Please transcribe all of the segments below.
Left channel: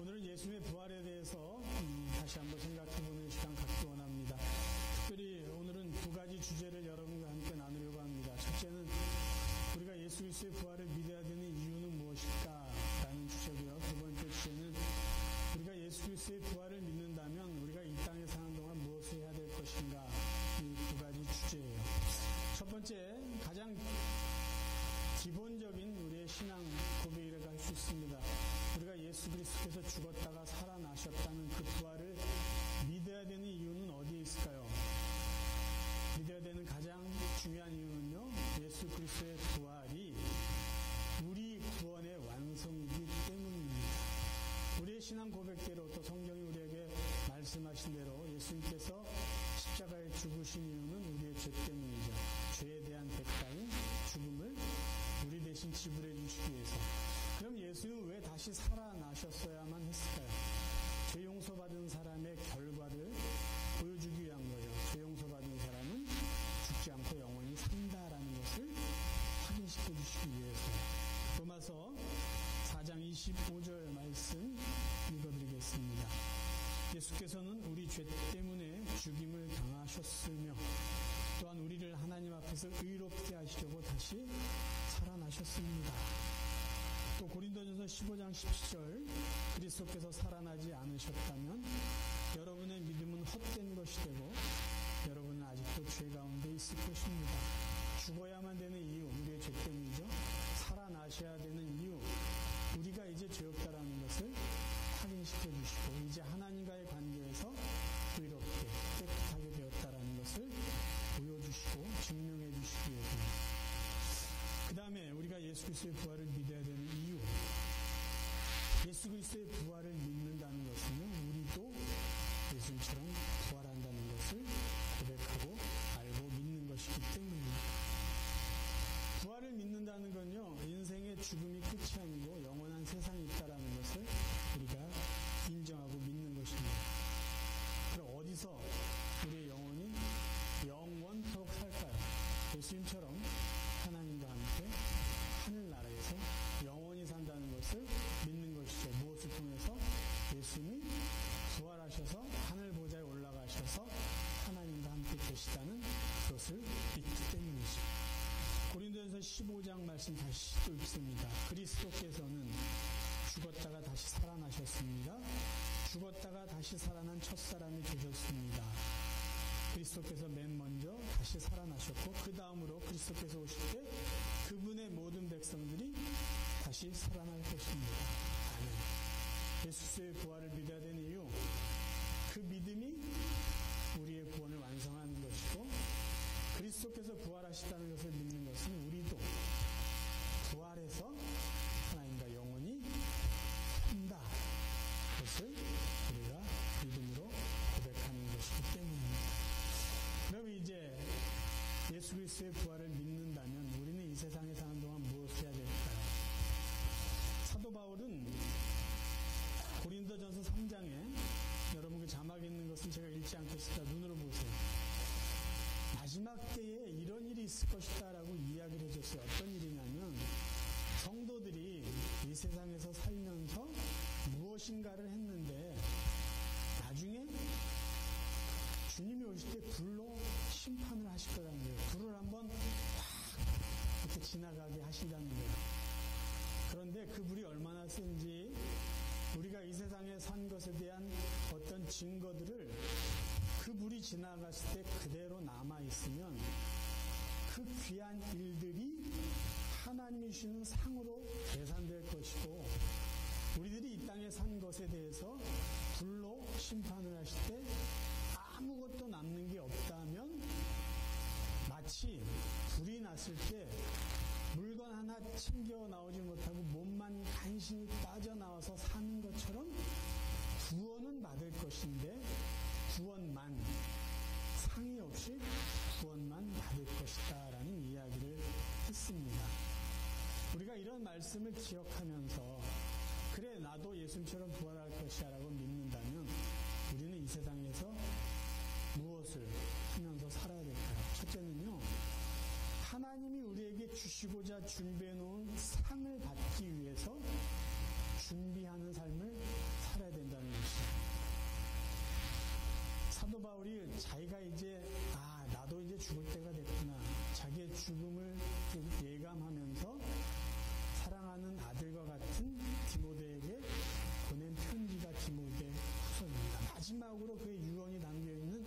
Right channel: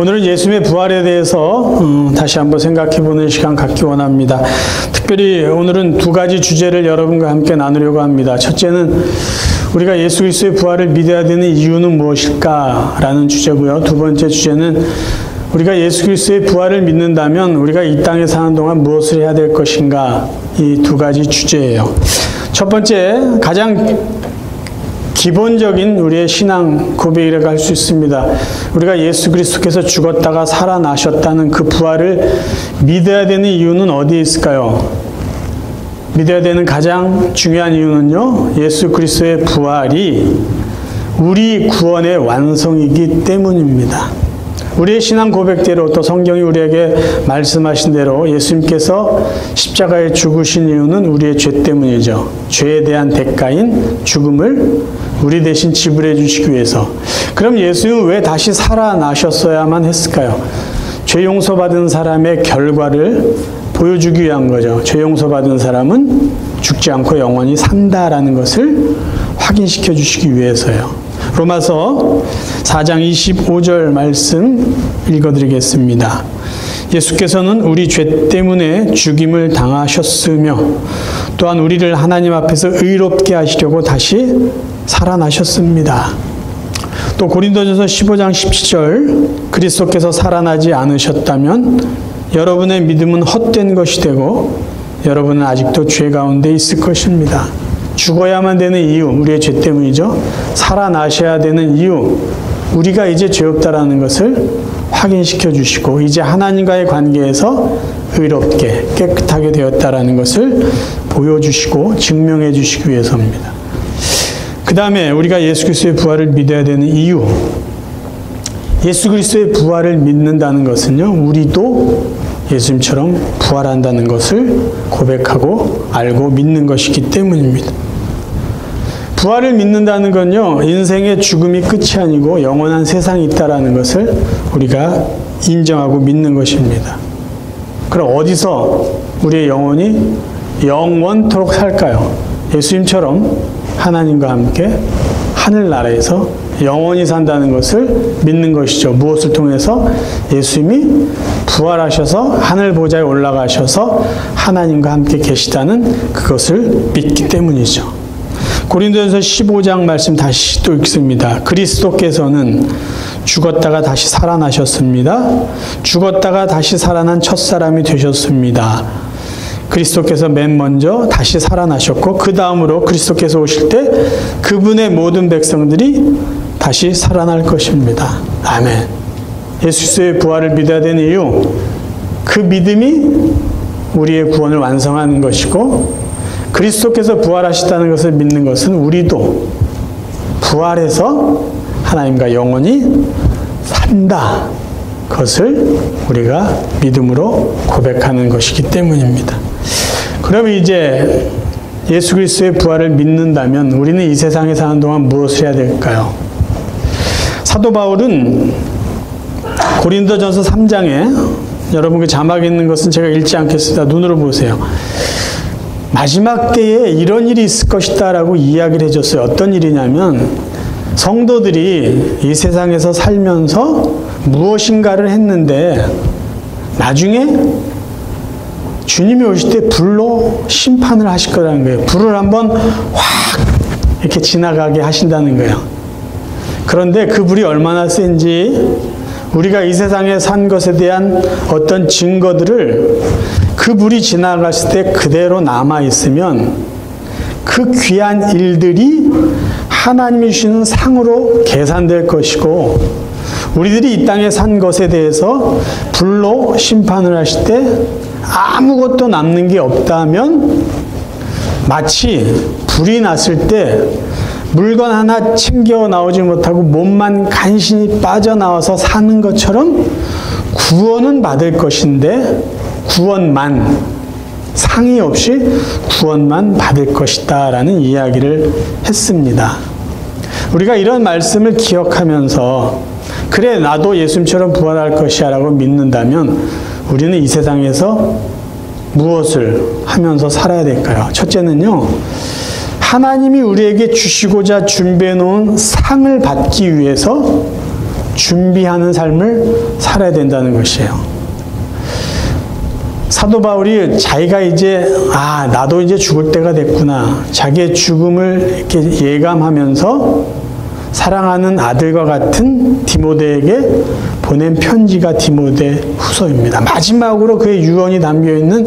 오늘은 예수님의 부활에 대해서 다시 한번 생각해보는 시간 갖기 원합니다. 특별히 오늘은 두 가지 주제를 여러분과 함께 나누려고 합니다. 첫째는 우리가 예수 그리스도의 부활을 믿어야 되는 이유는 무엇일까라는 주제고요. 두 번째 주제는 우리가 예수 그리스도의 부활을 믿는다면 우리가 이 땅에 사는 동안 무엇을 해야 될 것인가, 이 두 가지 주제예요. 첫 번째, 가장 기본적인 우리의 신앙 고백이라고 할 수 있습니다. 우리가 예수 그리스도께서 죽었다가 살아나셨다는 그 부활을 믿어야 되는 이유는 어디에 있을까요? 믿어야 되는 가장 중요한 이유는요, 예수 그리스도의 부활이 우리 구원의 완성이기 때문입니다. 우리의 신앙 고백대로 또 성경이 우리에게 말씀하신 대로 예수님께서 십자가에 죽으신 이유는 우리의 죄 때문이죠. 죄에 대한 대가인 죽음을 우리 대신 지불해 주시기 위해서. 그럼 예수님은 왜 다시 살아나셨어야만 했을까요? 죄 용서받은 사람의 결과를 보여주기 위한 거죠. 죄 용서받은 사람은 죽지 않고 영원히 산다라는 것을 확인시켜 주시기 위해서요. 로마서 4장 25절 말씀 읽어드리겠습니다. 예수께서는 우리 죄 때문에 죽임을 당하셨으며 또한 우리를 하나님 앞에서 의롭게 하시려고 다시 살아나셨습니다. 또 고린도전서 15장 17절 그리스도께서 살아나지 않으셨다면 여러분의 믿음은 헛된 것이 되고 여러분은 아직도 죄 가운데 있을 것입니다. 죽어야만 되는 이유, 우리의 죄 때문이죠. 살아나셔야 되는 이유, 우리가 이제 죄 없다라는 것을 확인시켜 주시고 이제 하나님과의 관계에서 의롭게 깨끗하게 되었다라는 것을 보여주시고 증명해 주시기 위해서입니다. 그 다음에 우리가 예수 그리스도의 부활을 믿어야 되는 이유, 예수 그리스도의 부활을 믿는다는 것은요, 우리도 예수님처럼 부활한다는 것을 고백하고 알고 믿는 것이기 때문입니다. 부활을 믿는다는 건요, 인생의 죽음이 끝이 아니고 영원한 세상이 있다라는 것을 우리가 인정하고 믿는 것입니다. 그럼 어디서 우리의 영혼이 영원토록 살까요? 예수님처럼 하나님과 함께 하늘나라에서 영원히 산다는 것을 믿는 것이죠. 무엇을 통해서? 예수님이 부활하셔서 하늘 보좌에 올라가셔서 하나님과 함께 계시다는 그것을 믿기 때문이죠. 고린도전서 15장 말씀 다시 또 읽습니다. 그리스도께서는 죽었다가 다시 살아나셨습니다. 죽었다가 다시 살아난 첫사람이 되셨습니다. 그리스도께서 맨 먼저 다시 살아나셨고 그 다음으로 그리스도께서 오실 때 그분의 모든 백성들이 다시 살아날 것입니다. 아멘. 예수 그리스도의 부활을 믿어야 되는 이유, 그 믿음이 우리의 구원을 완성하는 것이고 그리스도께서 부활하시다는 것을 믿는 것은 우리도 부활해서 하나님과 영원히 산다, 그것을 우리가 믿음으로 고백하는 것이기 때문입니다. 그럼 이제 예수 그리스도의 부활을 믿는다면 우리는 이 세상에 사는 동안 무엇을 해야 될까요? 사도 바울은 고린도전서 3장에 여러분 그 자막에 있는 것은 제가 읽지 않겠습니다. 눈으로 보세요. 마지막 때에 이런 일이 있을 것이다 라고 이야기를 해줬어요. 어떤 일이냐면 성도들이 이 세상에서 살면서 무엇인가를 했는데 나중에 주님이 오실 때 불로 심판을 하실 거라는 거예요. 불을 한번 확 이렇게 지나가게 하신다는 거예요. 그런데 그 불이 얼마나 센지 우리가 이 세상에 산 것에 대한 어떤 증거들을 그 불이 지나갔을 때 그대로 남아있으면 그 귀한 일들이 하나님이 주시는 상으로 계산될 것이고 우리들이 이 땅에 산 것에 대해서 불로 심판을 하실 때 아무것도 남는 게 없다면 마치 불이 났을 때 물건 하나 챙겨 나오지 못하고 몸만 간신히 빠져나와서 사는 것처럼 구원은 받을 것인데 구원만, 상의 없이 구원만 받을 것이다 라는 이야기를 했습니다. 우리가 이런 말씀을 기억하면서 그래 나도 예수님처럼 부활할 것이야 라고 믿는다면 우리는 이 세상에서 무엇을 하면서 살아야 될까요? 첫째는요, 하나님이 우리에게 주시고자 준비해 놓은 상을 받기 위해서 준비하는 삶을 살아야 된다는 것이에요. 사도 바울이 자기가 이제 나도 이제 죽을 때가 됐구나. 자기의 죽음을 이렇게 예감하면서 사랑하는 아들과 같은 디모데에게 보낸 편지가 디모데 후서입니다. 마지막으로 그의 유언이 담겨있는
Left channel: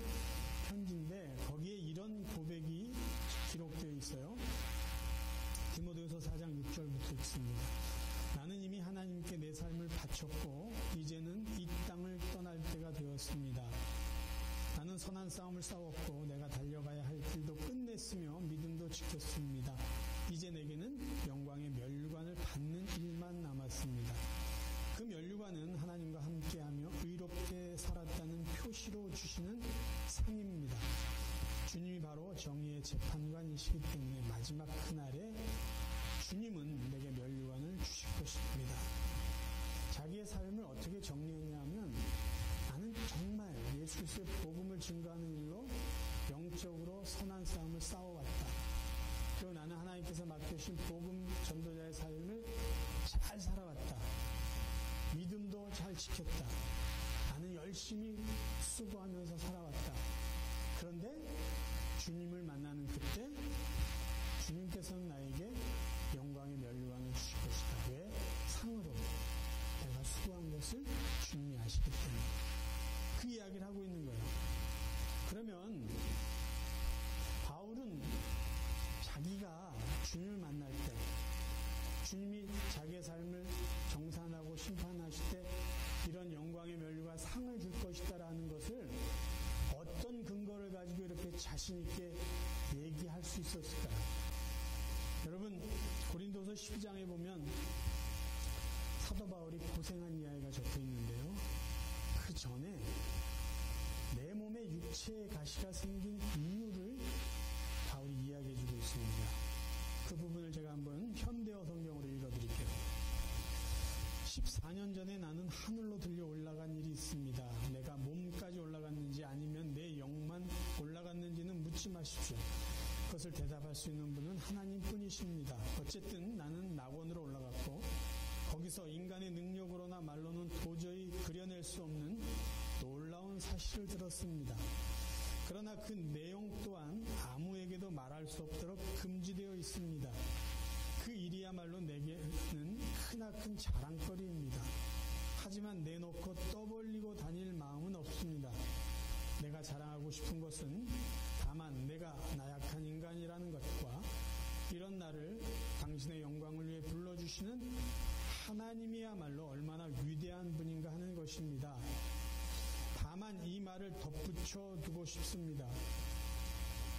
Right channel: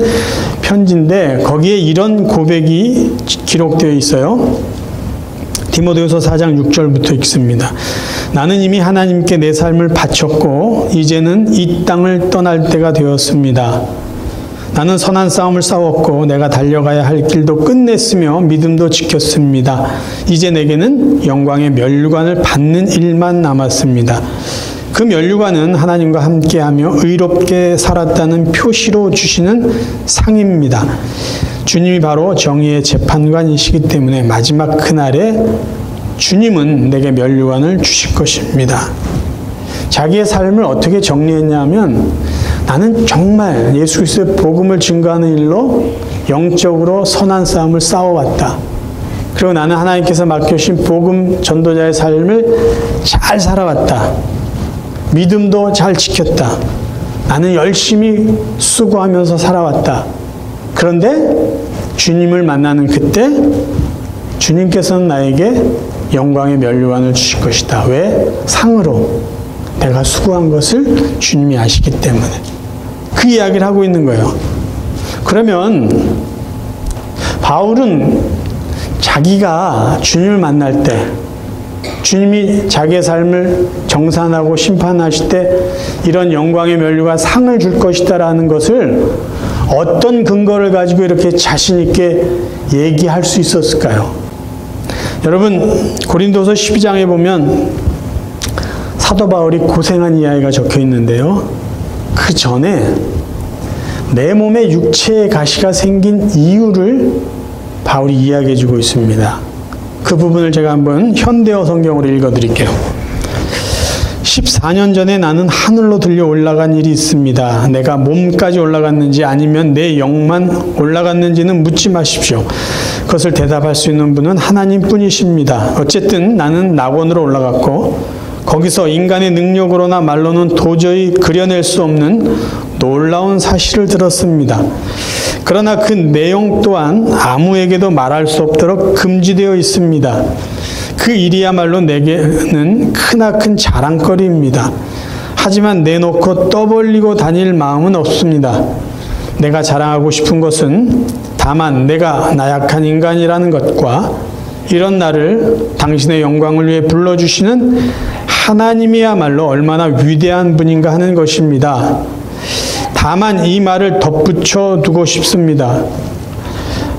편지인데 거기에 이런 고백이 기록되어 있어요. 디모데후서 4장 6절부터 읽습니다. 나는 이미 하나님께 내 삶을 바쳤고 이제는 이 땅을 떠날 때가 되었습니다. 나는 선한 싸움을 싸웠고 내가 달려가야 할 길도 끝냈으며 믿음도 지켰습니다. 이제 내게는 영광의 면류관을 받는 일만 남았습니다. 그 면류관은 하나님과 함께하며 의롭게 살았다는 표시로 주시는 상입니다. 주님이 바로 정의의 재판관이시기 때문에 마지막 그날에 주님은 내게 면류관을 주실 것입니다. 자기의 삶을 어떻게 정리했냐면 나는 정말 예수 그리스도의 복음을 증거하는 일로 영적으로 선한 싸움을 싸워왔다. 그리고 나는 하나님께서 맡겨주신 복음 전도자의 삶을 잘 살아왔다. 믿음도 잘 지켰다. 나는 열심히 수고하면서 살아왔다. 그런데 주님을 만나는 그때 주님께서는 나에게 영광의 면류관을 주실 것이다. 왜? 상으로. 내가 수고한 것을 주님이 아시기 때문에. 그 이야기를 하고 있는 거예요. 그러면 바울은 자기가 주님을 만날 때 주님이 자기의 삶을 정산하고 심판하실 때 이런 영광의 면류관 상을 줄 것이다 라는 것을 어떤 근거를 가지고 이렇게 자신 있게 얘기할 수 있었을까요? 여러분 고린도서 12장에 보면 사도 바울이 고생한 이야기가 적혀 있는데요. 그 전에 내 몸에 육체의 가시가 생긴 이유를 바울이 이야기해 주고 있습니다. 그 부분을 제가 한번 현대어 성경으로 읽어 드릴게요. 14년 전에 나는 하늘로 들려 올라간 일이 있습니다. 내가 몸까지 올라갔는지 아니면 내 영만 올라갔는지는 묻지 마십시오. 그것을 대답할 수 있는 분은 하나님 뿐이십니다. 어쨌든 나는 낙원으로 올라갔고 거기서 인간의 능력으로나 말로는 도저히 그려낼 수 없는 놀라운 사실을 들었습니다. 그러나 그 내용 또한 아무에게도 말할 수 없도록 금지되어 있습니다. 그 일이야말로 내게는 크나큰 자랑거리입니다. 하지만 내놓고 떠벌리고 다닐 마음은 없습니다. 내가 자랑하고 싶은 것은 다만 내가 나약한 인간이라는 것과 이런 나를 당신의 영광을 위해 불러주시는 하나님이야말로 얼마나 위대한 분인가 하는 것입니다. 다만 이 말을 덧붙여 두고 싶습니다.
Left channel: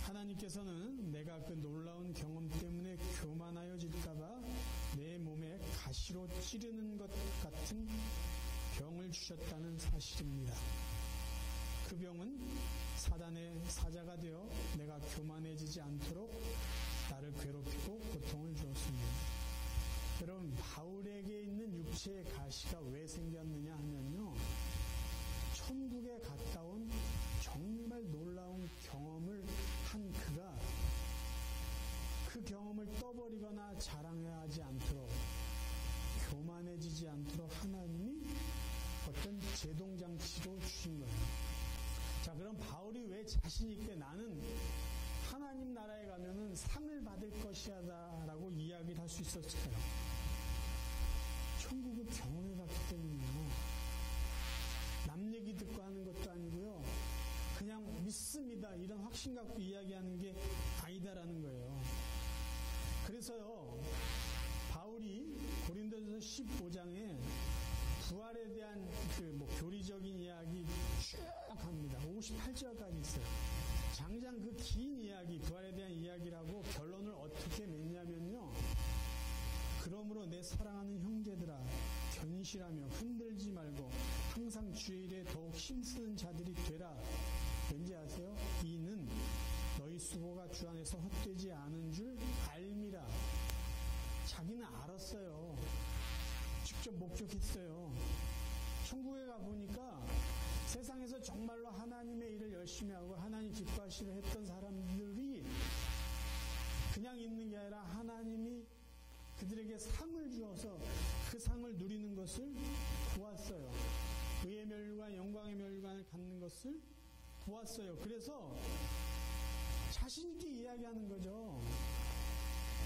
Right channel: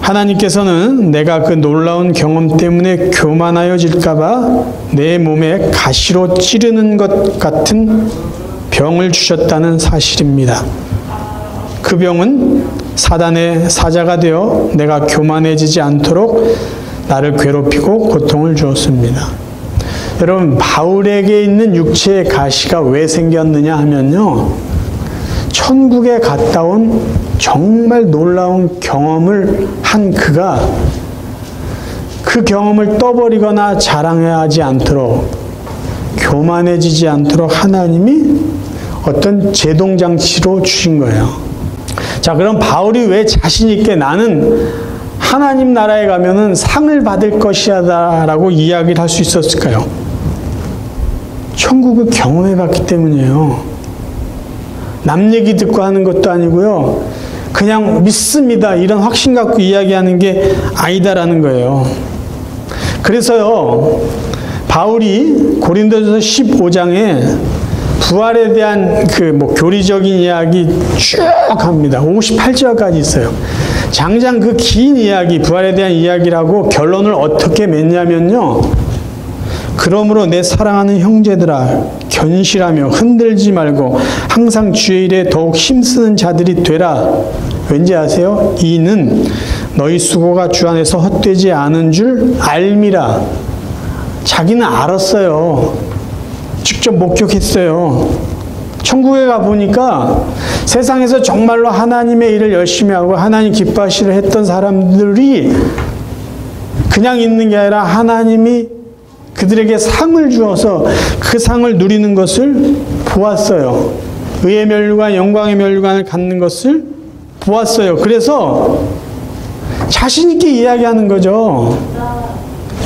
하나님께서는 내가 그 놀라운 경험 때문에 교만하여질까봐 내 몸에 가시로 찌르는 것 같은 병을 주셨다는 사실입니다. 그 병은 사단의 사자가 되어 내가 교만해지지 않도록 나를 괴롭히고 고통을 주었습니다. 여러분 바울에게 있는 육체의 가시가 왜 생겼느냐 하면요. 천국에 갔다 온 정말 놀라운 경험을 한 그가 그 경험을 떠버리거나 자랑하지 않도록 교만해지지 않도록 하나님이 어떤 제동장치로 주신 거예요. 자, 그럼 바울이 왜 자신 있게 나는 하나님 나라에 가면은 상을 받을 것이다 라고 이야기를 할 수 있었을까요? 천국을 경험해 봤기 때문이에요. 남 얘기 듣고 하는 것도 아니고요. 그냥 믿습니다. 이런 확신 갖고 이야기하는 게 아니다라는 거예요. 그래서요. 바울이 고린도전서 15장에 부활에 대한 교리적인 이야기 쭉 합니다. 58절까지 있어요. 장장 그 긴 이야기, 부활에 대한 이야기라고 결론을 어떻게 맺냐면요. 그러므로 내 사랑하는 형제들아 견실하며 흔들지 말고 항상 주의 일에 더욱 힘쓰는 자들이 되라. 왠지 아세요? 이는 너희 수고가 주 안에서 헛되지 않은 줄 알미라. 자기는 알았어요. 직접 목격했어요. 천국에 가보니까 세상에서 정말로 하나님의 일을 열심히 하고 하나님 기뻐하시려 했던 사람들이 그냥 있는 게 아니라 하나님이 그들에게 상을 주어서 그 상을 누리는 것을 보았어요. 의의 면류관, 영광의 면류관을 갖는 것을 보았어요. 그래서 자신 있게 이야기하는 거죠.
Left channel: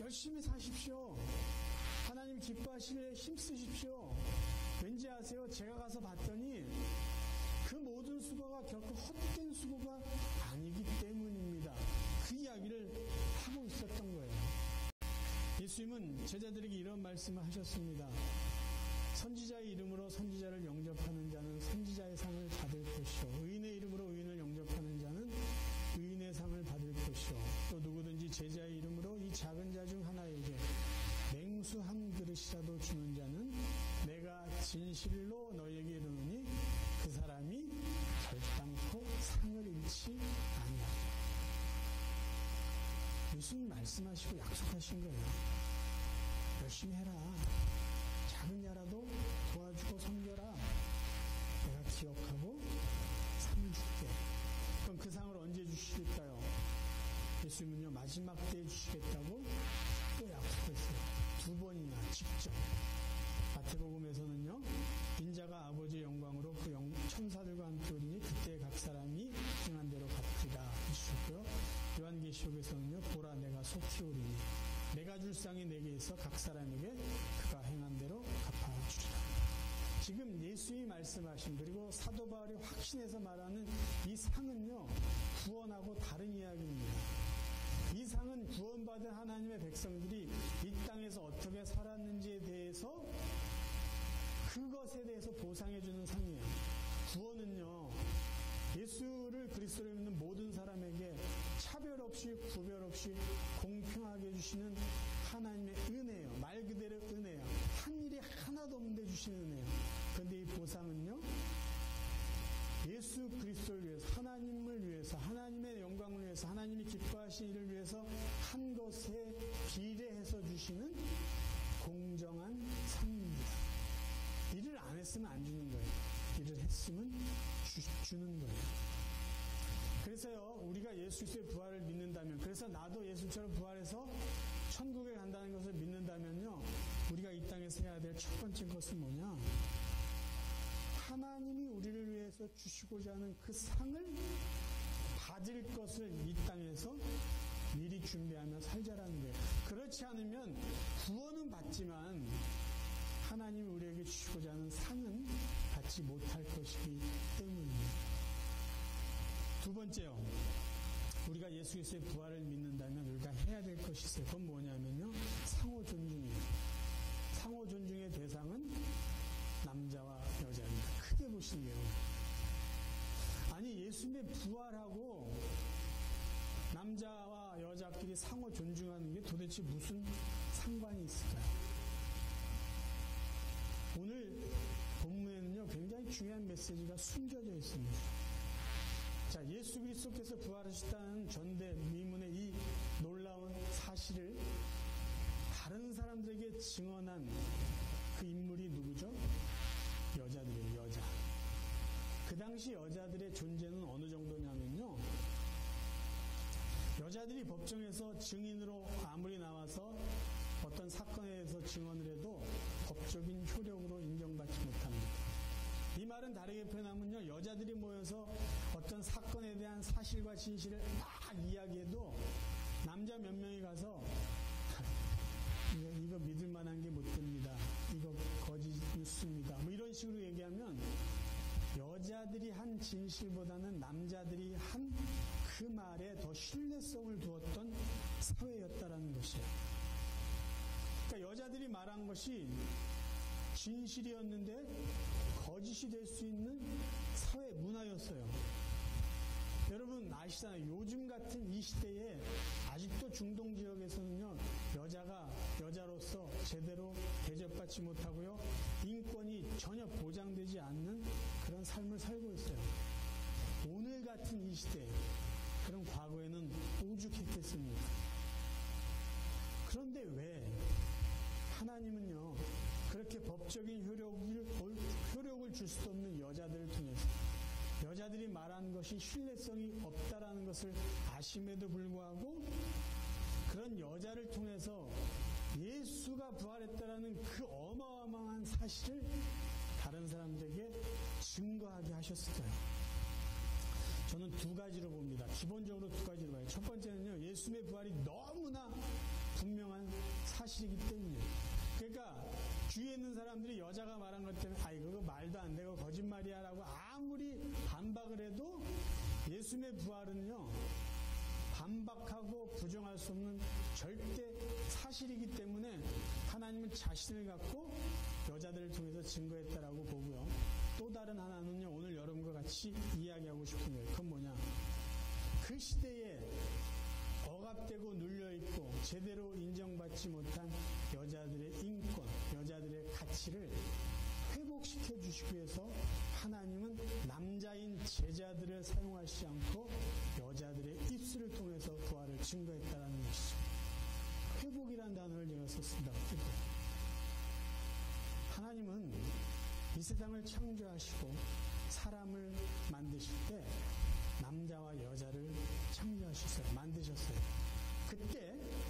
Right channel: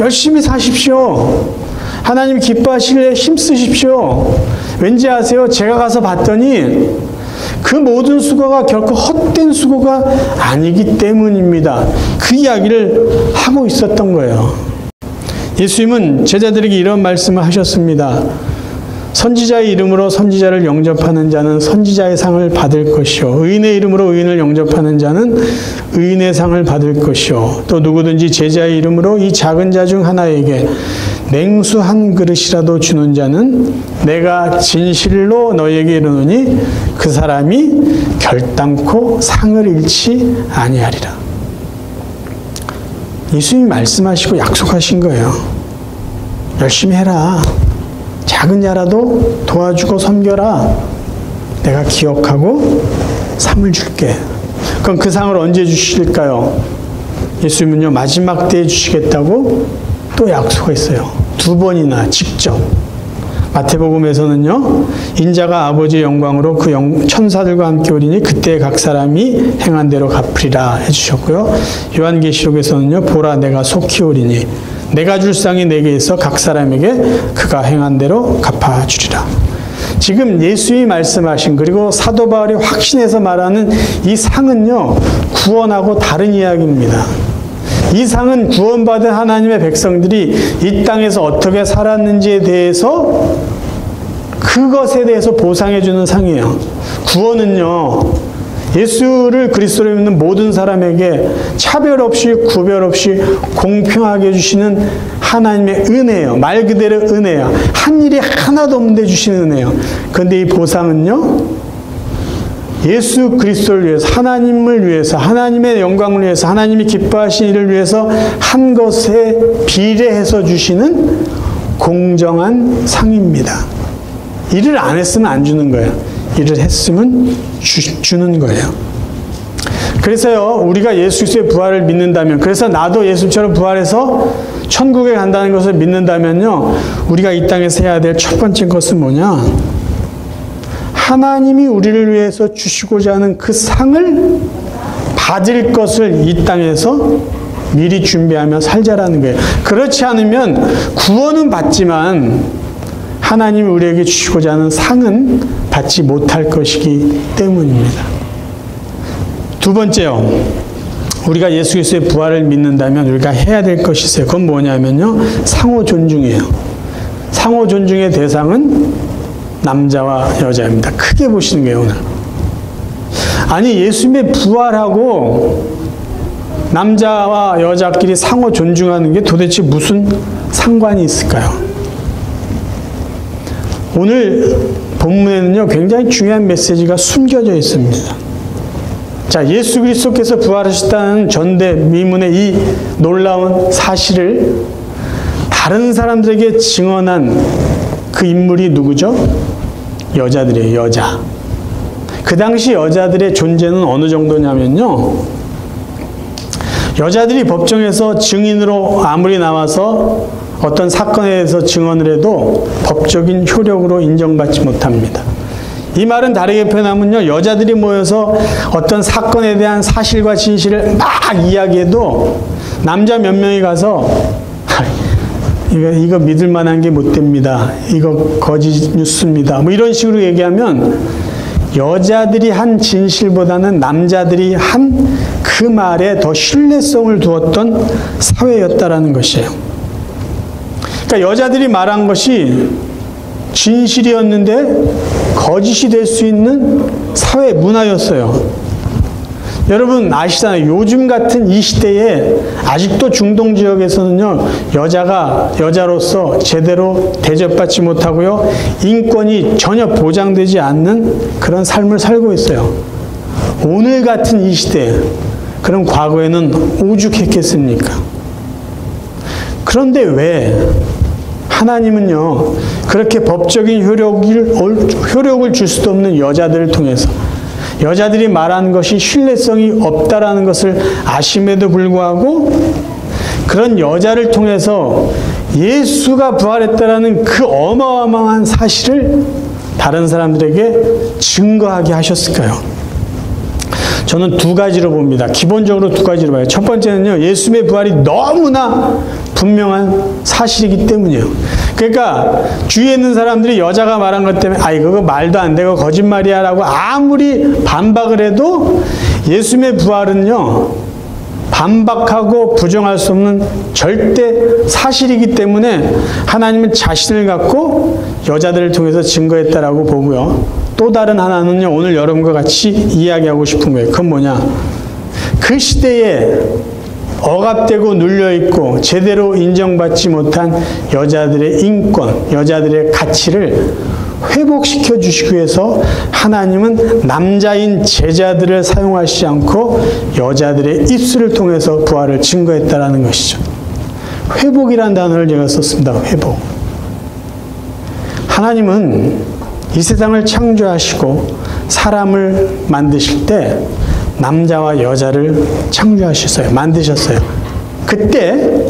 열심히 사십시오. 하나님 기뻐하실래 힘쓰십시오. 왠지 아세요? 제가 가서 봤더니 그 모든 수고가 결코 헛된 수고가 아니기 때문입니다. 그 이야기를 하고 있었던 거예요. 예수님은 제자들에게 이런 말씀을 하셨습니다. 선지자의 이름으로 선지자를 영접하는 자는 선지자의 상을 받을 것이요, 의인의 이름으로 의인을 영접하는 자는 의인의 상을 받을 것이요, 또 누구든지 제자의 이름으로 이 작은 자 중 하나에게 냉수 한 그릇이라도 주는 자는 내가 진실로 너희에게 이르노니 그 사람이 결단코 상을 잃지 아니하리라. 예수님이 말씀하시고 약속하신 거예요. 열심히 해라. 작은 자라도 도와주고 섬겨라. 내가 기억하고 상을 줄게. 그럼 그 상을 언제 주실까요? 예수님은요, 마지막 때에 주시겠다고 또 약속했어요. 2번이나 직접. 마태복음에서는요, 인자가 아버지의 영광으로 그 천사들과 함께 오리니 그때 각 사람이 행한 대로 갚으리라 해주셨고요. 요한계시록에서는요, 보라 내가 속히 오리니 내가 줄 상이 내게 있어 각 사람에게 그가 행한 대로 갚아주리라. 지금 예수님이 말씀하신, 그리고 사도 바울이 확신해서 말하는 이 상은요, 구원하고 다른 이야기입니다. 이 상은 구원받은 하나님의 백성들이 이 땅에서 어떻게 살았는지에 대해서, 그것에 대해서 보상해 주는 상이에요. 구원은요, 예수를 그리스도로 믿는 모든 사람에게 차별 없이 구별 없이 공평하게 주시는 하나님의 은혜예요. 말 그대로 은혜야. 한 일이 하나도 없는데 주시는 은혜예요. 그런데 이 보상은요, 예수 그리스도를 위해서, 하나님을 위해서, 하나님의 영광을 위해서, 하나님이 기뻐하신 일을 위해서 한 것에 비례해서 주시는 공정한 상입니다. 일을 안 했으면 안 주는 거예요. 일을 했으면 주는 거예요. 그래서요, 우리가 예수 그리스도의 부활을 믿는다면, 그래서 나도 예수처럼 부활해서 천국에 간다는 것을 믿는다면요, 우리가 이 땅에서 해야 될 첫 번째 것은 뭐냐? 하나님이 우리를 위해서 주시고자 하는 그 상을 받을 것을 이 땅에서 미리 준비하며 살자라는 거예요. 그렇지 않으면 구원은 받지만 하나님이 우리에게 주시고자 하는 상은 받지 못할 것이기 때문입니다. 2번째요. 우리가 예수 그리스도의 부활을 믿는다면 우리가 해야 될 것이 있어요. 그건 뭐냐면요, 상호 존중이에요. 상호 존중의 대상은 남자와 여자입니다. 크게 보시는 거예요, 오늘. 아니, 예수님의 부활하고 남자와 여자끼리 상호 존중하는 게 도대체 무슨 상관이 있을까요? 오늘 본문에는요, 굉장히 중요한 메시지가 숨겨져 있습니다. 자, 예수 그리스도께서 부활하셨다는 전대미문의 이 놀라운 사실을 다른 사람들에게 증언한 그 인물이 누구죠? 여자들이에요, 여자. 그 당시 여자들의 존재는 어느 정도냐면요, 여자들이 법정에서 증인으로 아무리 나와서 어떤 사건에 대해서 증언을 해도 법적인 효력으로 인정받지 못합니다. 이 말은 다르게 표현하면요, 여자들이 모여서 어떤 사건에 대한 사실과 진실을 막 이야기해도 남자 몇 명이 가서 이거 믿을 만한 게 못 됩니다. 이거 거짓 뉴스입니다. 뭐 이런 식으로 얘기하면 여자들이 한 진실보다는 남자들이 한 그 말에 더 신뢰성을 두었던 사회였다라는 것이에요. 그러니까 여자들이 말한 것이 진실이었는데 거짓이 될 수 있는 사회 문화였어요. 여러분 아시잖아요. 요즘 같은 이 시대에 아직도 중동 지역에서는요, 여자가 여자로서 제대로 대접받지 못하고요, 인권이 전혀 보장되지 않는 그런 삶을 살고 있어요. 오늘 같은 이 시대에. 그럼 과거에는 오죽했겠습니까? 그런데 왜 하나님은요, 그렇게 법적인 효력을 줄 수도 없는 여자들을 통해서, 여자들이 말하는 것이 신뢰성이 없다라는 것을 아심에도 불구하고 그런 여자를 통해서 예수가 부활했다라는 그 어마어마한 사실을 다른 사람들에게 증거하게 하셨을까요? 저는 두 가지로 봅니다. 기본적으로 두 가지로 봐요. 첫 번째는요, 예수님의 부활이 너무나 분명한 사실이기 때문이에요. 그러니까 주위에 있는 사람들이 여자가 말한 것 때문에 아이 그거 말도 안 되고 거짓말이야 라고 아무리 반박을 해도 예수님의 부활은요, 반박하고 부정할 수 없는 절대 사실이기 때문에 하나님은 자신을 갖고 여자들을 통해서 증거했다라고 보고요. 또 다른 하나는요, 오늘 여러분과 같이 이야기하고 싶은 거예요. 그건 뭐냐? 그 시대에 억압되고 눌려있고 제대로 인정받지 못한 여자들의 인권, 여자들의 가치를 회복시켜 주시기 위해서 하나님은 남자인 제자들을 사용하시지 않고 여자들의 입술을 통해서 부활을 증거했다라는 것이죠. 회복이라는 단어를 제가 썼습니다. 회복. 하나님은 이 세상을 창조하시고 사람을 만드실 때 남자와 여자를 창조하셨어요. 만드셨어요. 그때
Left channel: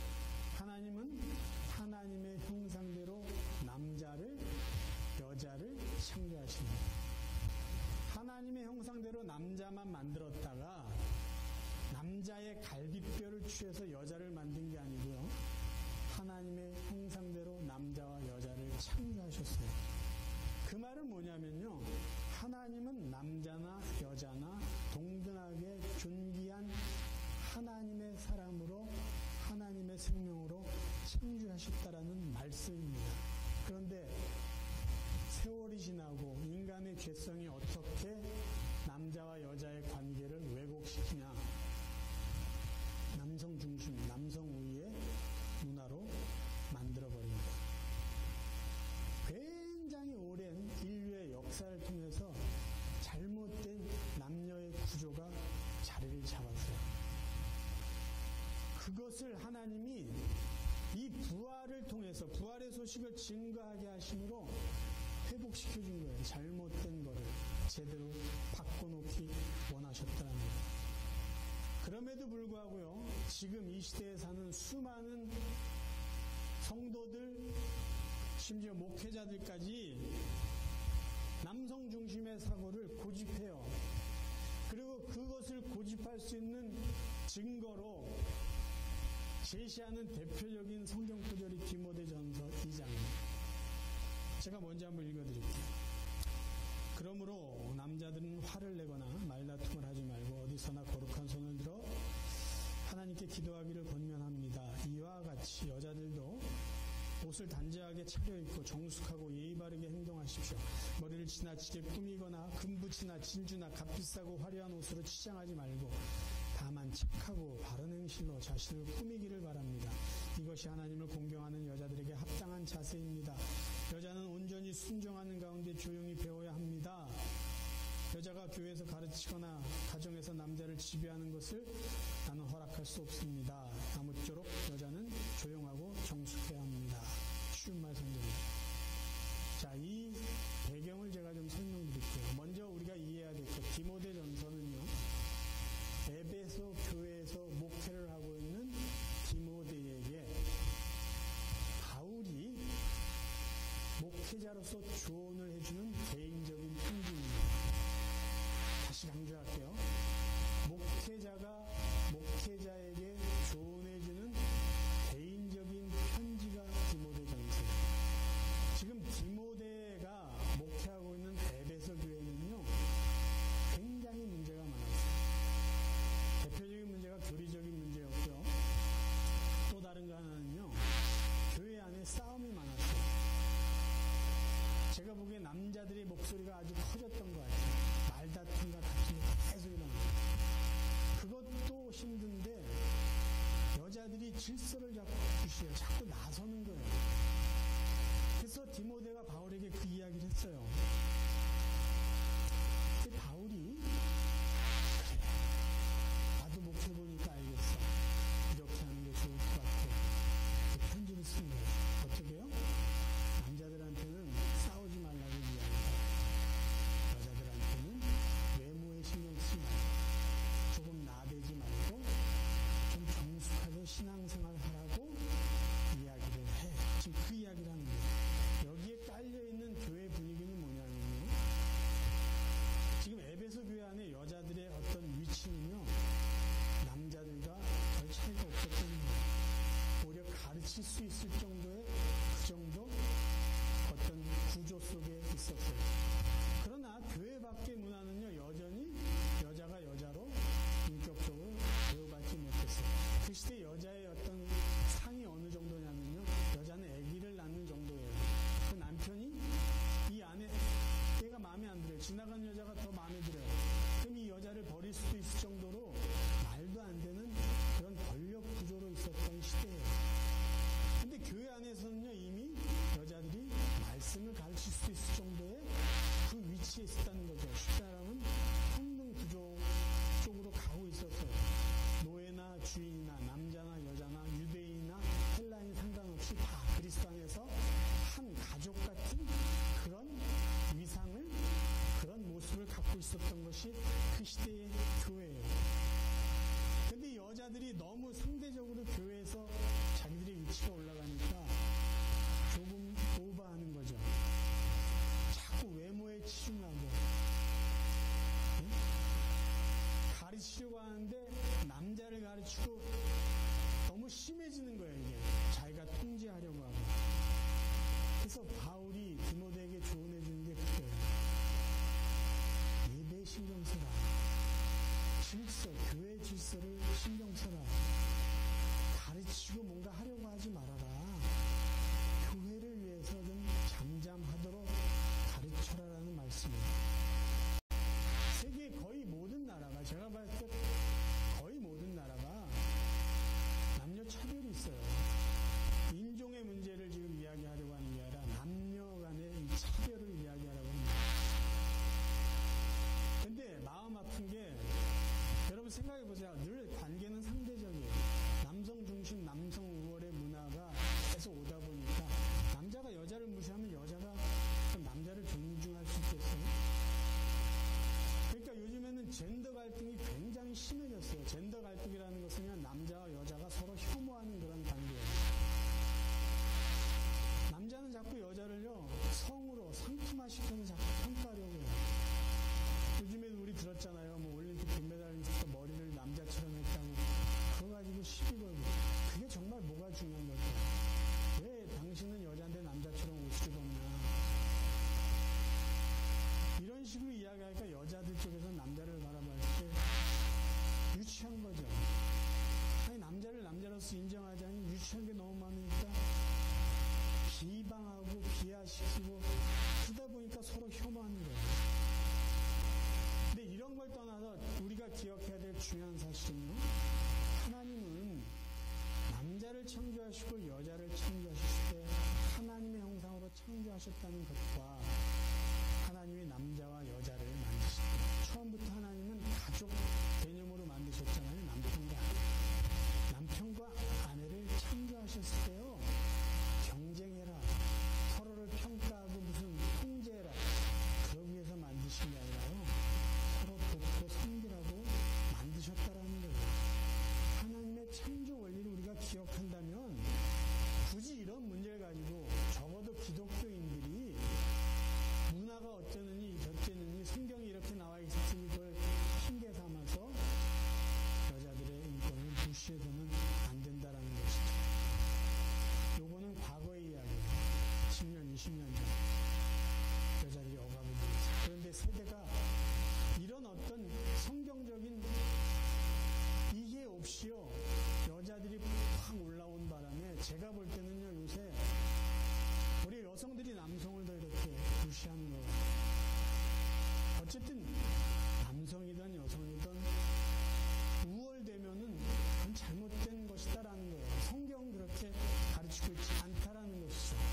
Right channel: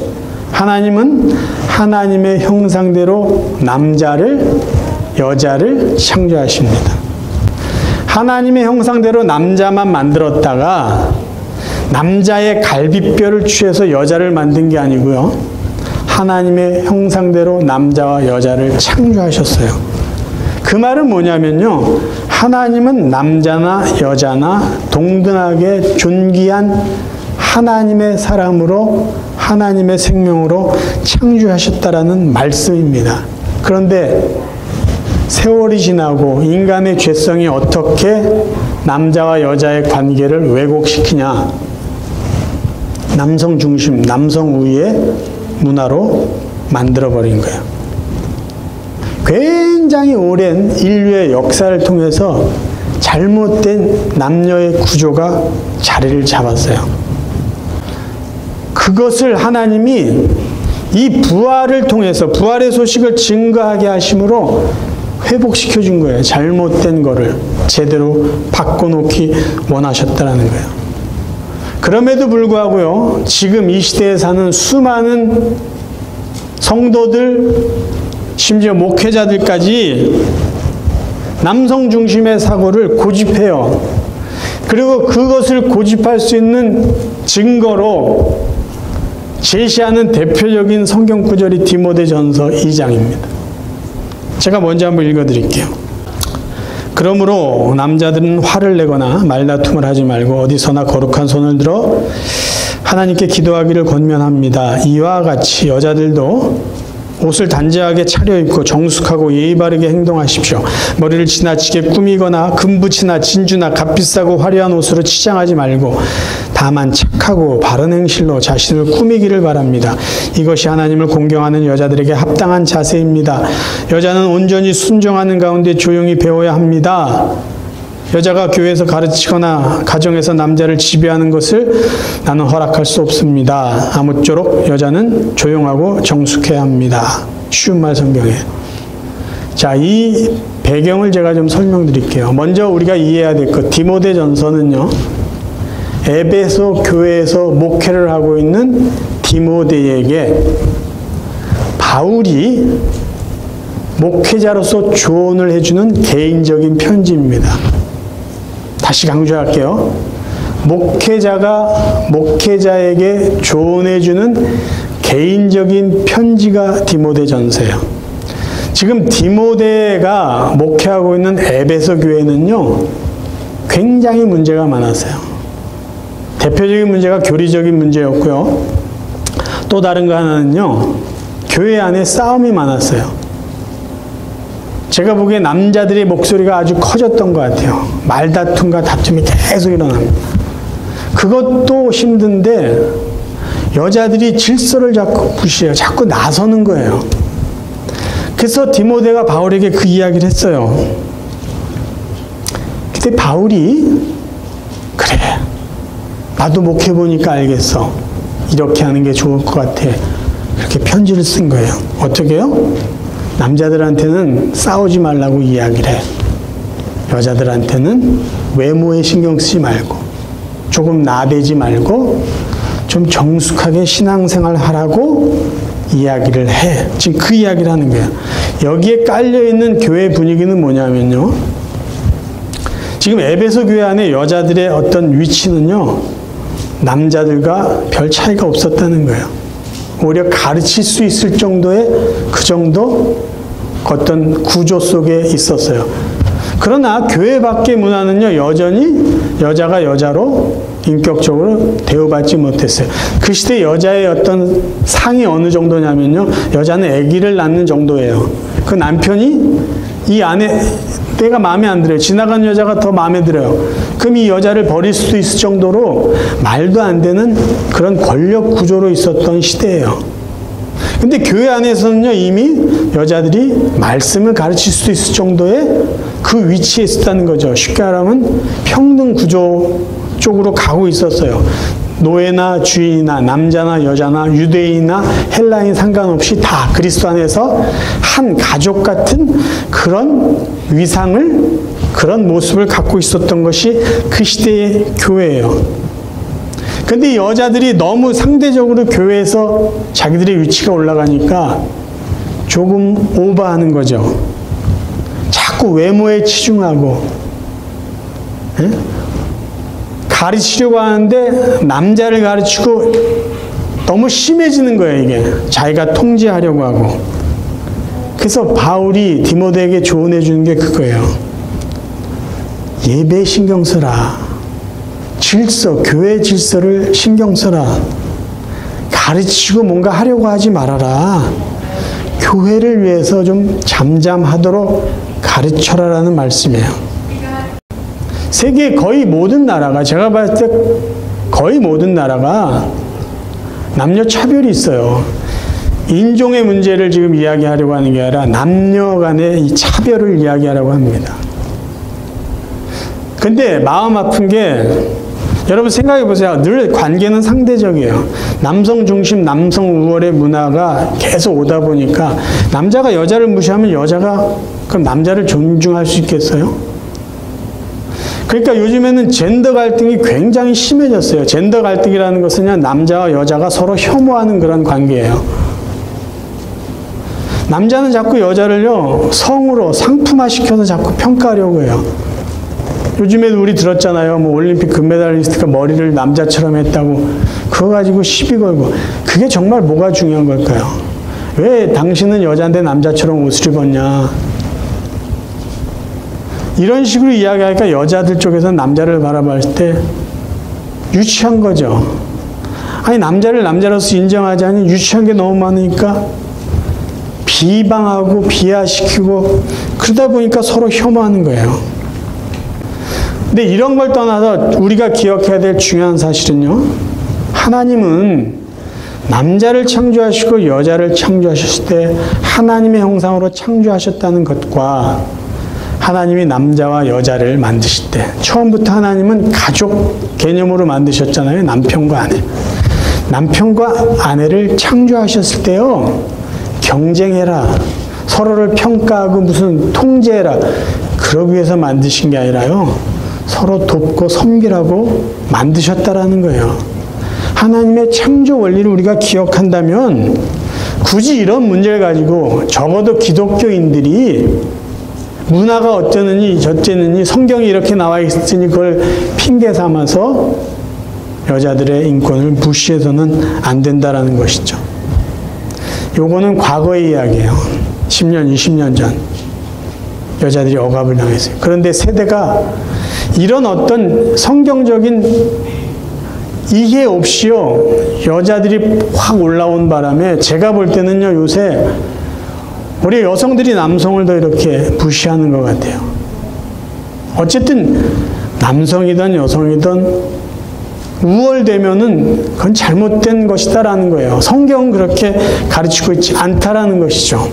하나님은 하나님의 형상대로 남자를 여자를 창조하십니다. 하나님의 형상대로 남자만 만들었다가 남자의 갈비뼈를 취해서 여자를 만든 게 아니고요. 하나님의 형상대로 남자와 여자를 창조하셨어요. 그 말은 뭐냐면요. 하나님은 남자나 여자나 동등하게 존귀한 하나님의 사람으로 하나님의 생명으로 창조하셨다라는 말씀입니다. 그런데 세월이 지나고 인간의 죄성이 어떻게 남자와 여자의 관계를 왜곡시키냐? 남성 중심, 남성 우위의 문화로 만들어버린 거예요. 굉장히 오랜 인류의 역사를 통해서 잘못된 남녀의 구조가 자리를 잡았어요. 그것을 하나님이 이 부활을 통해서 부활의 소식을 증거하게 하심으로 회복시켜 준 거예요. 잘못된 거를 제대로 바꿔놓기 원하셨다는 거예요. 그럼에도 불구하고요, 지금 이 시대에 사는 수많은 성도들, 심지어 목회자들까지 남성 중심의 사고를 고집해요. 그리고 그것을 고집할 수 있는 증거로 제시하는 대표적인 성경 구절이 디모데전서 2장입니다. 제가 먼저 한번 읽어드릴게요. 그러므로 남자들은 화를 내거나 말다툼을 하지 말고 어디서나 거룩한 손을 들어 하나님께 기도하기를 권면합니다. 이와 같이 여자들도 옷을 단정하게 차려입고 정숙하고 예의 바르게 행동하십시오. 머리를 지나치게 꾸미거나 금붙이나 진주나 값비싸고 화려한 옷으로 치장하지 말고 다만 착하고 바른 행실로 자신을 꾸미기를 바랍니다. 이것이 하나님을 공경하는 여자들에게 합당한 자세입니다. 여자는 온전히 순종하는 가운데 조용히 배워야 합니다. 여자가 교회에서 가르치거나 가정에서 남자를 지배하는 것을 나는 허락할 수 없습니다. 아무쪼록 여자는 조용하고 정숙해야 합니다. 쉬운 말 성경에. 자, 이 배경을 제가 좀 설명드릴게요. 먼저 우리가 이해해야 될 것, 디모데전서는요, 에베소 교회에서 목회를 하고 있는 디모데에게 바울이 목회자로서 조언을 해주는 개인적인 편지입니다. 다시 강조할게요. 목회자가 목회자에게 조언해주는 개인적인 편지가 디모데전서예요. 지금 디모데가 목회하고 있는 에베소 교회는요, 굉장히 문제가 많았어요. 대표적인 문제가 교리적인 문제였고요. 또 다른 거 하나는요, 교회 안에 싸움이 많았어요. 제가 보기에 남자들의 목소리가 아주 커졌던 것 같아요. 말다툼과 다툼이 계속 일어납니다. 그것도 힘든데 여자들이 질서를 자꾸 무시해요. 자꾸 나서는 거예요. 그래서 디모데가 바울에게 그 이야기를 했어요. 근데 바울이 그래, 나도 목해보니까 알겠어. 이렇게 하는 게 좋을 것 같아. 그렇게 편지를 쓴 거예요. 어떻게 해요? 남자들한테는 싸우지 말라고 이야기를 해. 여자들한테는 외모에 신경 쓰지 말고 조금 나대지 말고 좀 정숙하게 신앙생활 하라고 이야기를 해. 지금 그 이야기를 하는 거야. 여기에 깔려있는 교회 분위기는 뭐냐면요. 지금 에베소 교회 안에 여자들의 어떤 위치는요. 남자들과 별 차이가 없었다는 거예요. 오히려 가르칠 수 있을 정도의 그 정도 어떤 구조 속에 있었어요. 그러나 교회 밖의 문화는요. 여전히 여자가 여자로 인격적으로 대우받지 못했어요. 그 시대 여자의 어떤 상이 어느 정도냐면요. 여자는 아기를 낳는 정도예요. 그 남편이 이 아내 내가 마음에 안 들어요. 지나가는 여자가 더 마음에 들어요. 그럼 이 여자를 버릴 수도 있을 정도로 말도 안 되는 그런 권력 구조로 있었던 시대예요. 근데 교회 안에서는요, 이미 여자들이 말씀을 가르칠 수도 있을 정도의 그 위치에 있었다는 거죠. 쉽게 말하면 평등 구조 쪽으로 가고 있었어요. 노예나 주인이나 남자나 여자나 유대인이나 헬라인 상관없이 다 그리스도 안에서 한 가족 같은 그런 위상을, 그런 모습을 갖고 있었던 것이 그 시대의 교회예요. 근데 여자들이 너무 상대적으로 교회에서 자기들의 위치가 올라가니까 조금 오버하는 거죠. 자꾸 외모에 치중하고, 예? 가르치려고 하는데 남자를 가르치고 너무 심해지는 거예요, 이게. 자기가 통제하려고 하고. 그래서 바울이 디모데에게 조언해 주는 게 그거예요. 예배 신경 써라. 질서, 교회 질서를 신경 써라. 가르치고 뭔가 하려고 하지 말아라. 교회를 위해서 좀 잠잠하도록 가르쳐라라는 말씀이에요. 세계 거의 모든 나라가, 제가 봤을 때 거의 모든 나라가 남녀 차별이 있어요. 인종의 문제를 지금 이야기하려고 하는 게 아니라 남녀 간의 이 차별을 이야기하려고 합니다. 근데 마음 아픈 게, 여러분 생각해 보세요. 늘 관계는 상대적이에요. 남성 중심, 남성 우월의 문화가 계속 오다 보니까 남자가 여자를 무시하면 여자가 그럼 남자를 존중할 수 있겠어요? 그러니까 요즘에는 젠더 갈등이 굉장히 심해졌어요. 젠더 갈등이라는 것은 그냥 남자와 여자가 서로 혐오하는 그런 관계예요. 남자는 자꾸 여자를요, 성으로 상품화시켜서 자꾸 평가하려고 해요. 요즘에도 우리 들었잖아요. 뭐 올림픽 금메달리스트가 머리를 남자처럼 했다고. 그거 가지고 시비 걸고. 그게 정말 뭐가 중요한 걸까요? 왜 당신은 여자인데 남자처럼 옷을 입었냐? 이런 식으로 이야기하니까 여자들 쪽에서는 남자를 바라볼 때 유치한 거죠. 아니, 남자를 남자로서 인정하지 않으니 유치한 게 너무 많으니까 비방하고 비하시키고 그러다 보니까 서로 혐오하는 거예요. 근데 이런 걸 떠나서 우리가 기억해야 될 중요한 사실은요. 하나님은 남자를 창조하시고 여자를 창조하셨을 때 하나님의 형상으로 창조하셨다는 것과 하나님이 남자와 여자를 만드실 때 처음부터 하나님은 가족 개념으로 만드셨잖아요. 남편과 아내. 남편과 아내를 창조하셨을 때요. 경쟁해라. 서로를 평가하고 무슨 통제해라. 그러기 위해서 만드신 게 아니라요. 서로 돕고 섬기라고 만드셨다라는 거예요. 하나님의 창조 원리를 우리가 기억한다면 굳이 이런 문제를 가지고 적어도 기독교인들이 문화가 어쩌느니 저쩌느니 성경이 이렇게 나와 있으니 그걸 핑계 삼아서 여자들의 인권을 무시해서는 안 된다라는 것이죠. 요거는 과거의 이야기예요. 10년, 20년 전 여자들이 억압을 당했어요. 그런데 세대가 이런 어떤 성경적인 이해 없이요 여자들이 확 올라온 바람에 제가 볼 때는요 요새 우리 여성들이 남성을 더 이렇게 무시하는 것 같아요. 어쨌든 남성이든 여성이든 우월되면은 그건 잘못된 것이다라는 거예요. 성경은 그렇게 가르치고 있지 않다라는 것이죠.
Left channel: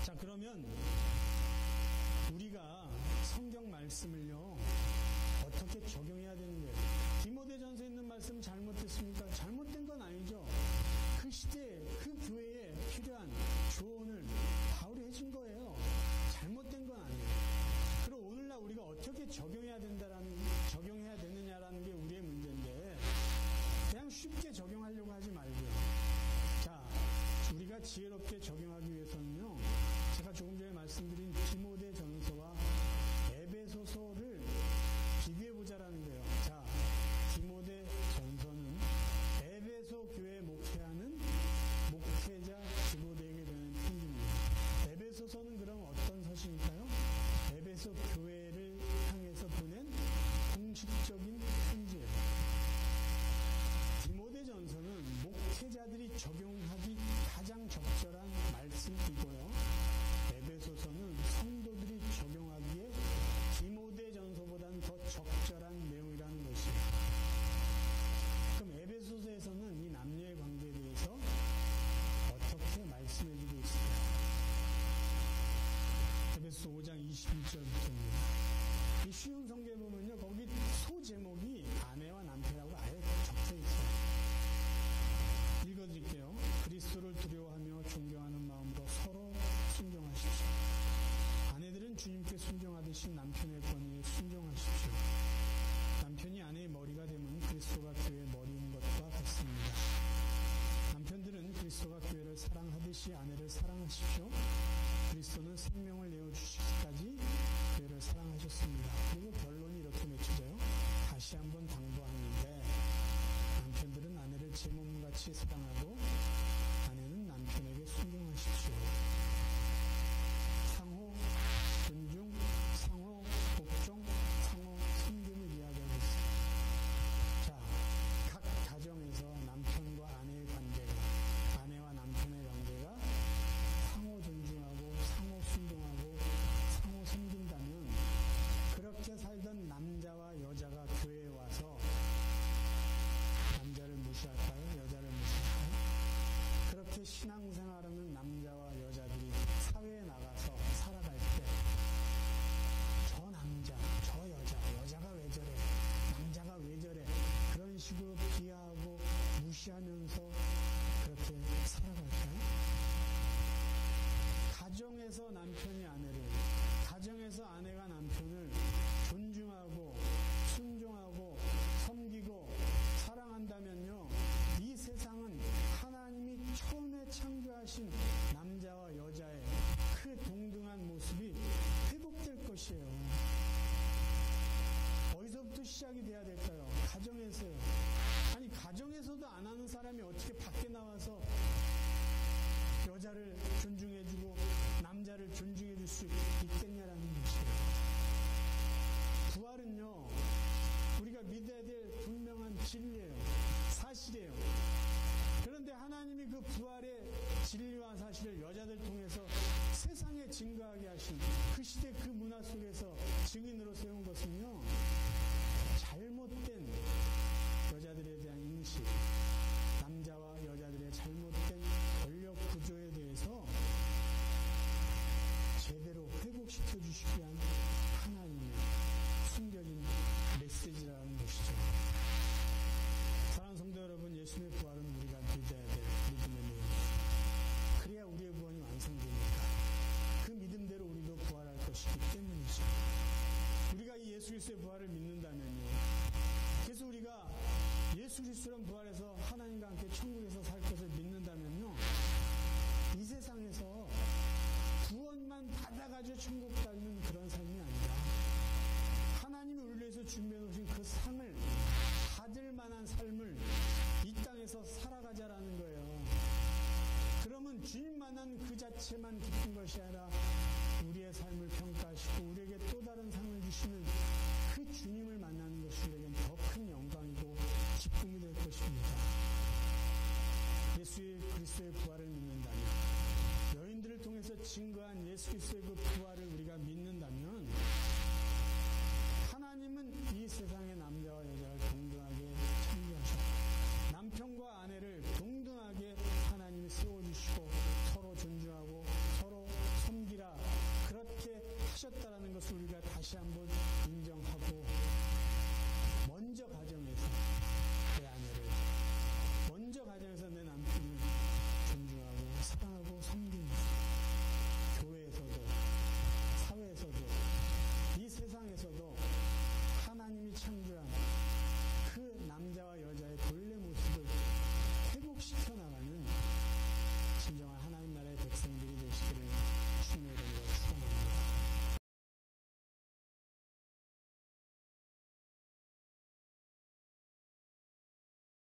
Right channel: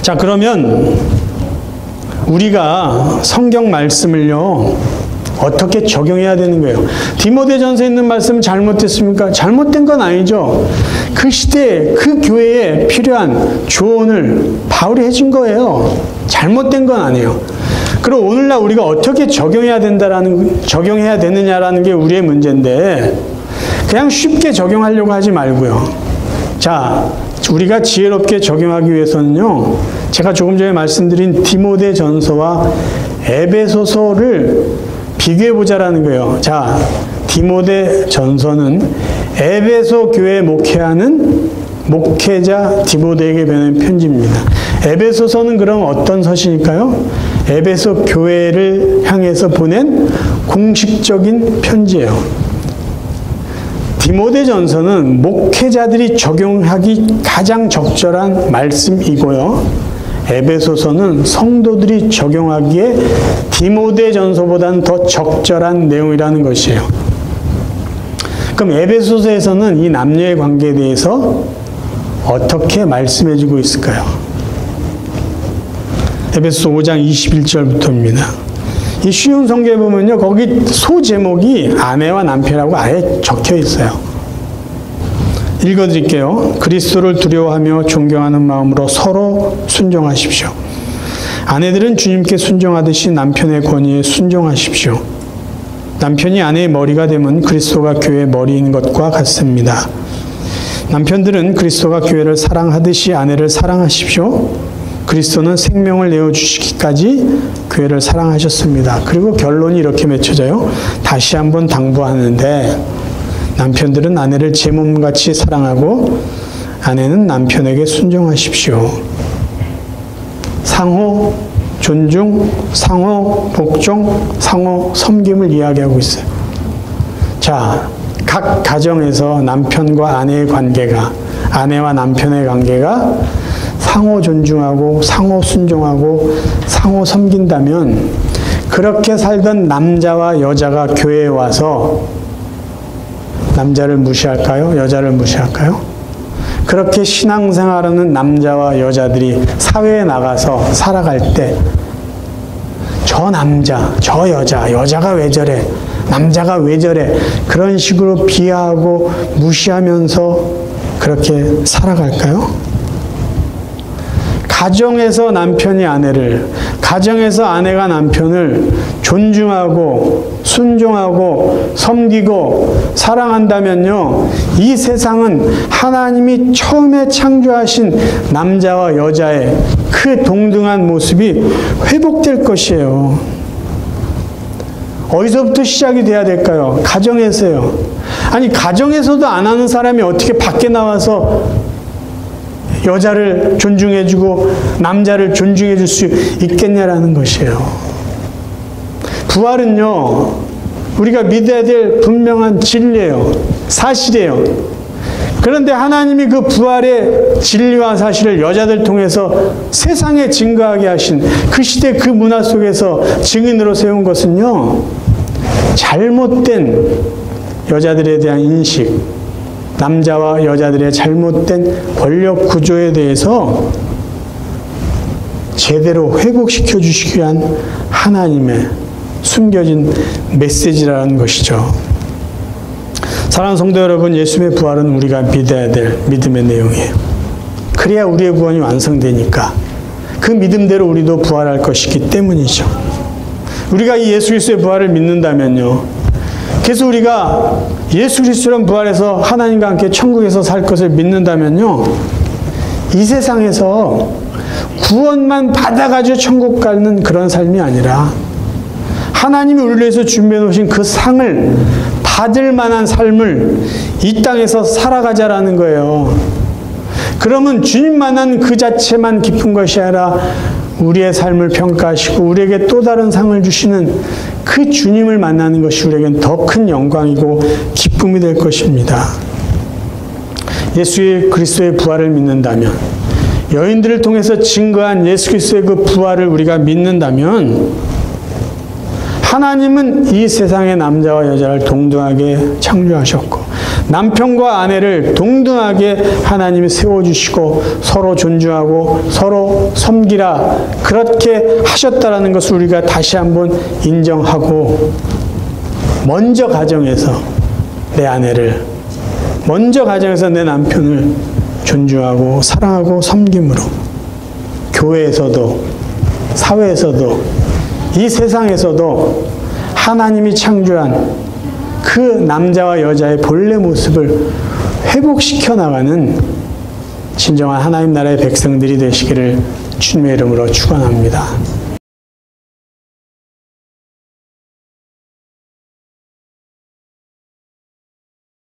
자, 그러면 우리가 성경 말씀을요 어떻게 적용해야 되는 거예요? 디모데전서에 있는 말씀 잘못됐습니까? 잘못된 건 아니죠. 그 시대에 그 교회에 필요한 조언을 바울이 해준 거예요. 잘못된 건 아니에요. 그럼 오늘날 우리가 어떻게 적용해야 되느냐라는 게 우리의 문제인데 그냥 쉽게 적용하려고 하지 말고요. 자, 우리가 지혜롭게 적용하기 위해서는요, 제가 조금 전에 말씀드린 디모데전서와 에베소서를 비교해보자라는 거예요. 자, 디모데전서는 에베소 교회에 목회하는 목회자 디모데에게 보낸 편지입니다. 에베소서는 그럼 어떤 서신일까요? 에베소 교회를 향해서 보낸 공식적인 편지예요. 디모데전서는 목회자들이 적용하기 가장 적절한 말씀이고요. 에베소서는 성도들이 적용하기에 디모데전서보다는 더 적절한 내용이라는 것이에요. 그럼 에베소서에서는 이 남녀의 관계에 대해서 어떻게 말씀해주고 있을까요? 에베소서 5장 21절부터입니다. 이 쉬운 성경에 보면요, 거기 소제목이 아내와 남편이라고 아예 적혀 있어요. 읽어드릴게요. 그리스도를 두려워하며 존경하는 마음으로 서로 순종하십시오. 아내들은 주님께 순종하듯이 남편의 권위에 순종하십시오. 남편이 아내의 머리가 되면 그리스도가 교회의 머리인 것과 같습니다. 남편들은 그리스도가 교회를 사랑하듯이 아내를 사랑하십시오. 그리스도는 생명을 내어주시기까지 교회를 사랑하셨습니다. 그리고 결론이 이렇게 맺혀져요. 다시 한번 당부하는데 남편들은 아내를 제 몸같이 사랑하고 아내는 남편에게 순종하십시오. 상호 존중, 상호 복종, 상호 섬김을 이야기하고 있어요. 자, 각 가정에서 남편과 아내의 관계가, 아내와 남편의 관계가 상호 존중하고 상호 순종하고 상호 섬긴다면 그렇게 살던 남자와 여자가 교회에 와서 남자를 무시할까요? 여자를 무시할까요? 그렇게 신앙생활하는 남자와 여자들이 사회에 나가서 살아갈 때 저 남자, 저 여자, 여자가 왜 저래? 남자가 왜 저래? 그런 식으로 비하하고 무시하면서 그렇게 살아갈까요? 가정에서 남편이 아내를, 가정에서 아내가 남편을 존중하고 순종하고 섬기고 사랑한다면요, 이 세상은 하나님이 처음에 창조하신 남자와 여자의 그 동등한 모습이 회복될 것이에요. 어디서부터 시작이 돼야 될까요? 가정에서요. 아니, 가정에서도 안 하는 사람이 어떻게 밖에 나와서 여자를 존중해주고 남자를 존중해줄 수 있겠냐라는 것이에요. 부활은요, 우리가 믿어야 될 분명한 진리예요. 사실이에요. 그런데 하나님이 그 부활의 진리와 사실을 여자들 통해서 세상에 증거하게 하신 그 시대 그 문화 속에서 증인으로 세운 것은요, 잘못된 여자들에 대한 인식, 남자와 여자들의 잘못된 권력 구조에 대해서 제대로 회복시켜 주시기 위한 하나님의 숨겨진 메시지라는 것이죠. 사랑하는 성도 여러분, 예수님의 부활은 우리가 믿어야 될 믿음의 내용이에요. 그래야 우리의 구원이 완성되니까 그 믿음대로 우리도 부활할 것이기 때문이죠. 우리가 이 예수 그리스도의 부활을 믿는다면요, 그래서 우리가 예수 그리스도는 부활해서 하나님과 함께 천국에서 살 것을 믿는다면요, 이 세상에서 구원만 받아가지고 천국 가는 그런 삶이 아니라 하나님이 우리를 위해서 준비해 놓으신 그 상을 받을 만한 삶을 이 땅에서 살아가자라는 거예요. 그러면 주님만한 그 자체만 기쁜 것이 아니라 우리의 삶을 평가하시고 우리에게 또 다른 상을 주시는 그 주님을 만나는 것이 우리에겐 더 큰 영광이고 기쁨이 될 것입니다. 예수 그리스도의 부활을 믿는다면, 여인들을 통해서 증거한 예수 그리스도의 그 부활을 우리가 믿는다면, 하나님은 이 세상의 남자와 여자를 동등하게 창조하셨고 남편과 아내를 동등하게 하나님이 세워주시고 서로 존중하고 서로 섬기라, 그렇게 하셨다라는 것을 우리가 다시 한번 인정하고, 먼저 가정에서 내 아내를, 먼저 가정에서 내 남편을 존중하고 사랑하고 섬김으로 교회에서도 사회에서도 이 세상에서도 하나님이 창조한 그 남자와 여자의 본래 모습을 회복시켜 나가는 진정한 하나님 나라의 백성들이 되시기를 주님의 이름으로 축원합니다.